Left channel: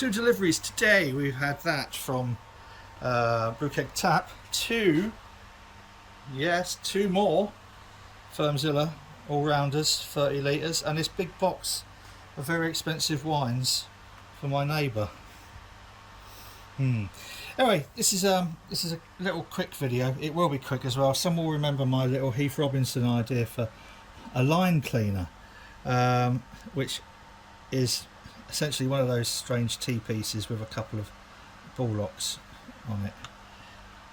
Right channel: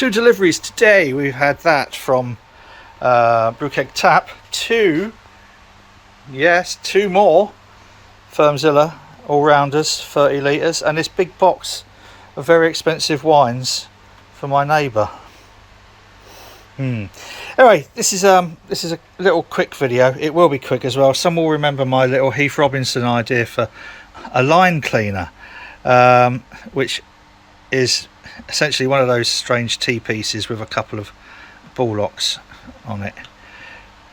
2 deliveries today. We've had that from BrewKegTap. 2 more Firmzilla all-rounders, 30 litres, and this big box of very expensive wines for my neighbour. Anyway, this is a little quick video. It will be quick as well. Some will remember my little Heath Robinson idea for a line cleaner, which is essentially one of those strange T-pieces with a couple of ball locks on it.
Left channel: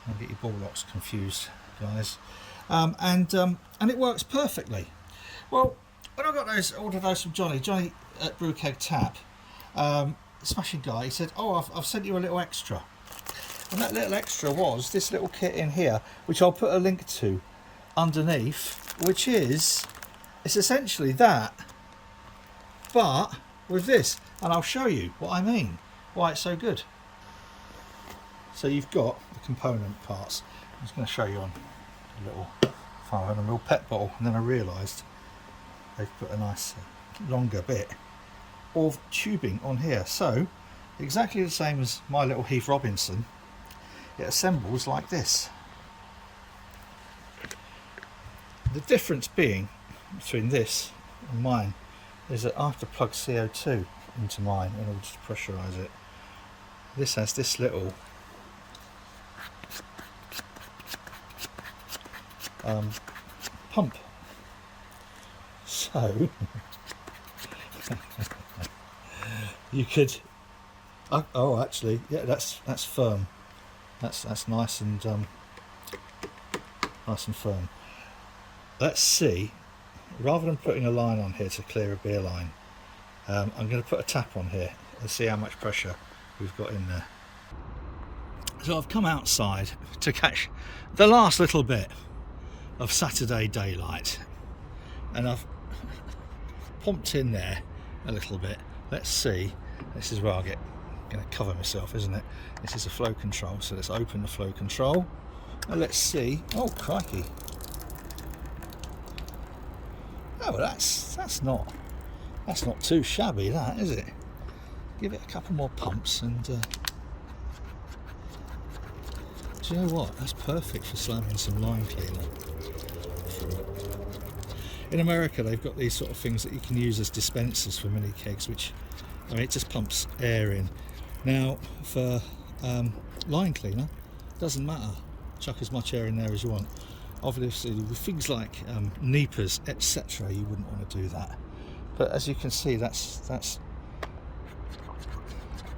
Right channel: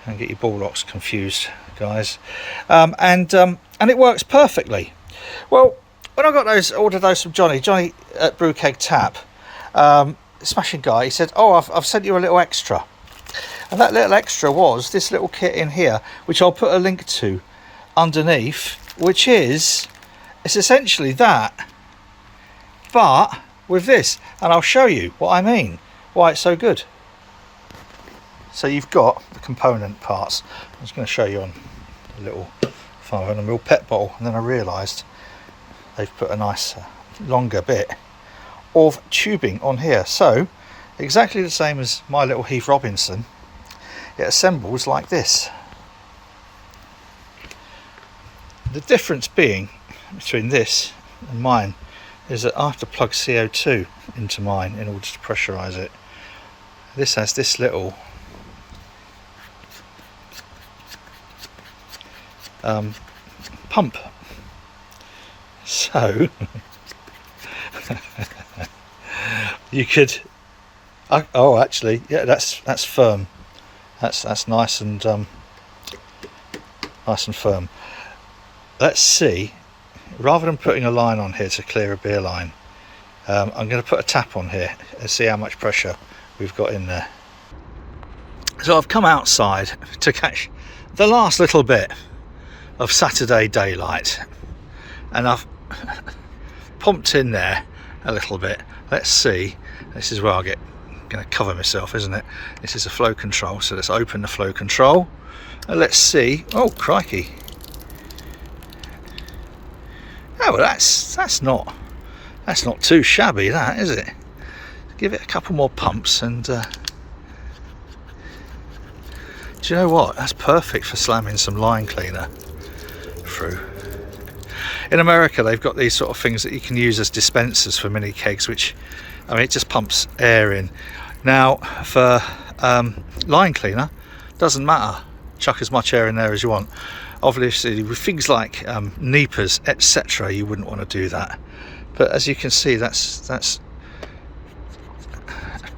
Don't get your ball locks confused, guys. And it works perfectly. Well, when I got ordered those from Johnny at BrewKegTap, smashing guy, he said, "Oh, I've sent you a little extra," and that little extra was this little kit in here, which I'll put a link to underneath, which it's essentially that, but with this, and I'll show you what I mean, why it's so good. So you've got the component parts. I'm just going to show you on a little 500ml pet bottle, and then I realised they've put a nice longer bit of tubing on here. So exactly the same as my little Heath Robinson, it assembles like this. The difference being between this and mine is that I have to plug CO2 into mine in order to pressurise it. This has this little pump. So you could oh actually, yeah, that's firm. That's nice and firm. Let's see, rather than putting a line on here to clear a beer line, I'm going to put a tap on here and see how much pressure we've got in there. So I've come outside to catch the last little bit of Saturday daylight, and I've pumped in there a little bit. Let's see, this is where I'm going to cover myself, isn't it? This is a flow control, so let's open the flow control and let's see. Oh crikey. Oh, well, that's not too shabby, that, is it? Give it a couple more pumps, and do you know what? That's perfect for slamming some line cleaner through. In America, they've got these sort of things that you can use as dispensers for mini kegs, which, I mean, it just pumps air in. Now, for line cleaner, doesn't matter. Chuck as much air in there as you want. Obviously, with things like NEPAs, etc., you wouldn't want to do that. But as you can see, that's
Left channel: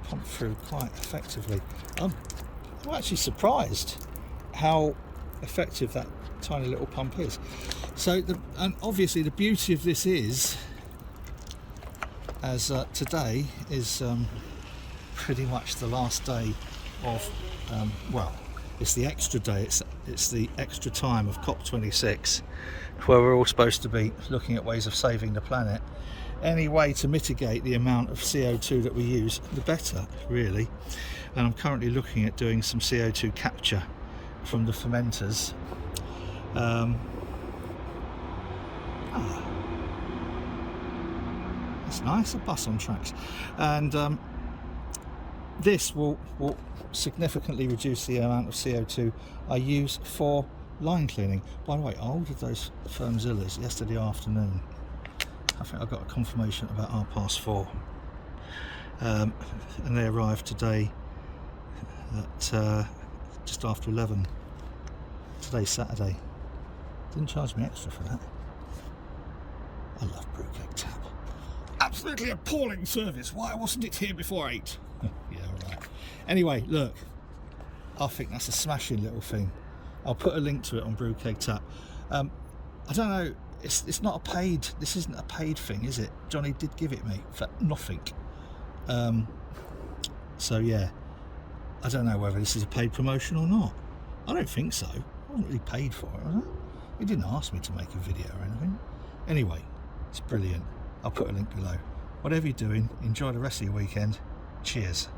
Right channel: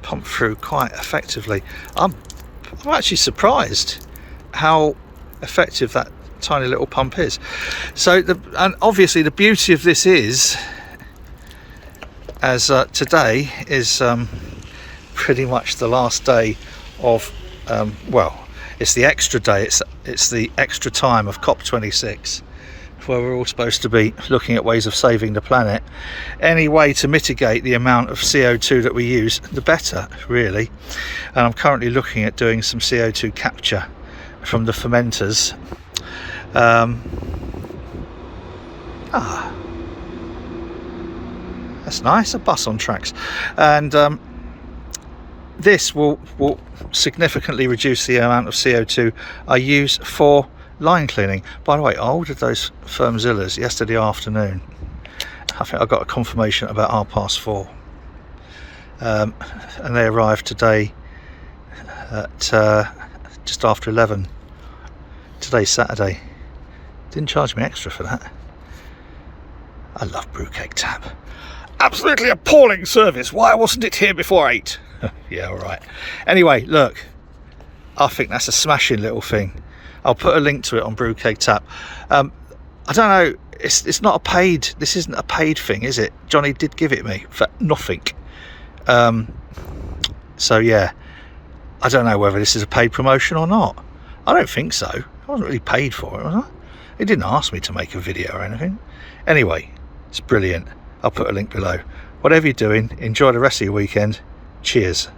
pumped through quite effectively. I'm actually surprised how effective that tiny little pump is. So, and obviously the beauty of this is, as today is pretty much the last day of, well, it's the extra day, it's the extra time of COP26, where we're all supposed to be looking at ways of saving the planet. Any way to mitigate the amount of CO2 that we use, the better, really. And I'm currently looking at doing some CO2 capture from the fermenters. That's nice, a bus on tracks. And this will significantly reduce the amount of CO2 I use for line cleaning. By the way, I ordered those Firmzillas yesterday afternoon. I think I got a confirmation about 4:30, and they arrived today at just after 11. Today's Saturday. Didn't charge me extra for that. I love BrewKegTap. Absolutely appalling service. Why wasn't it here before 8? Yeah, all right. Anyway, look, I think that's a smashing little thing. I'll put a link to it on BrewKegTap. I don't know, it's not a paid, this isn't a paid thing, is it? Johnny did give it me for nothing. So yeah, I don't know whether this is a paid promotion or not. I don't think so. I wasn't really paid for it, was I? He didn't ask me to make a video or anything. Anyway, it's brilliant. I'll put a link below. Whatever you're doing, enjoy the rest of your weekend. Cheers.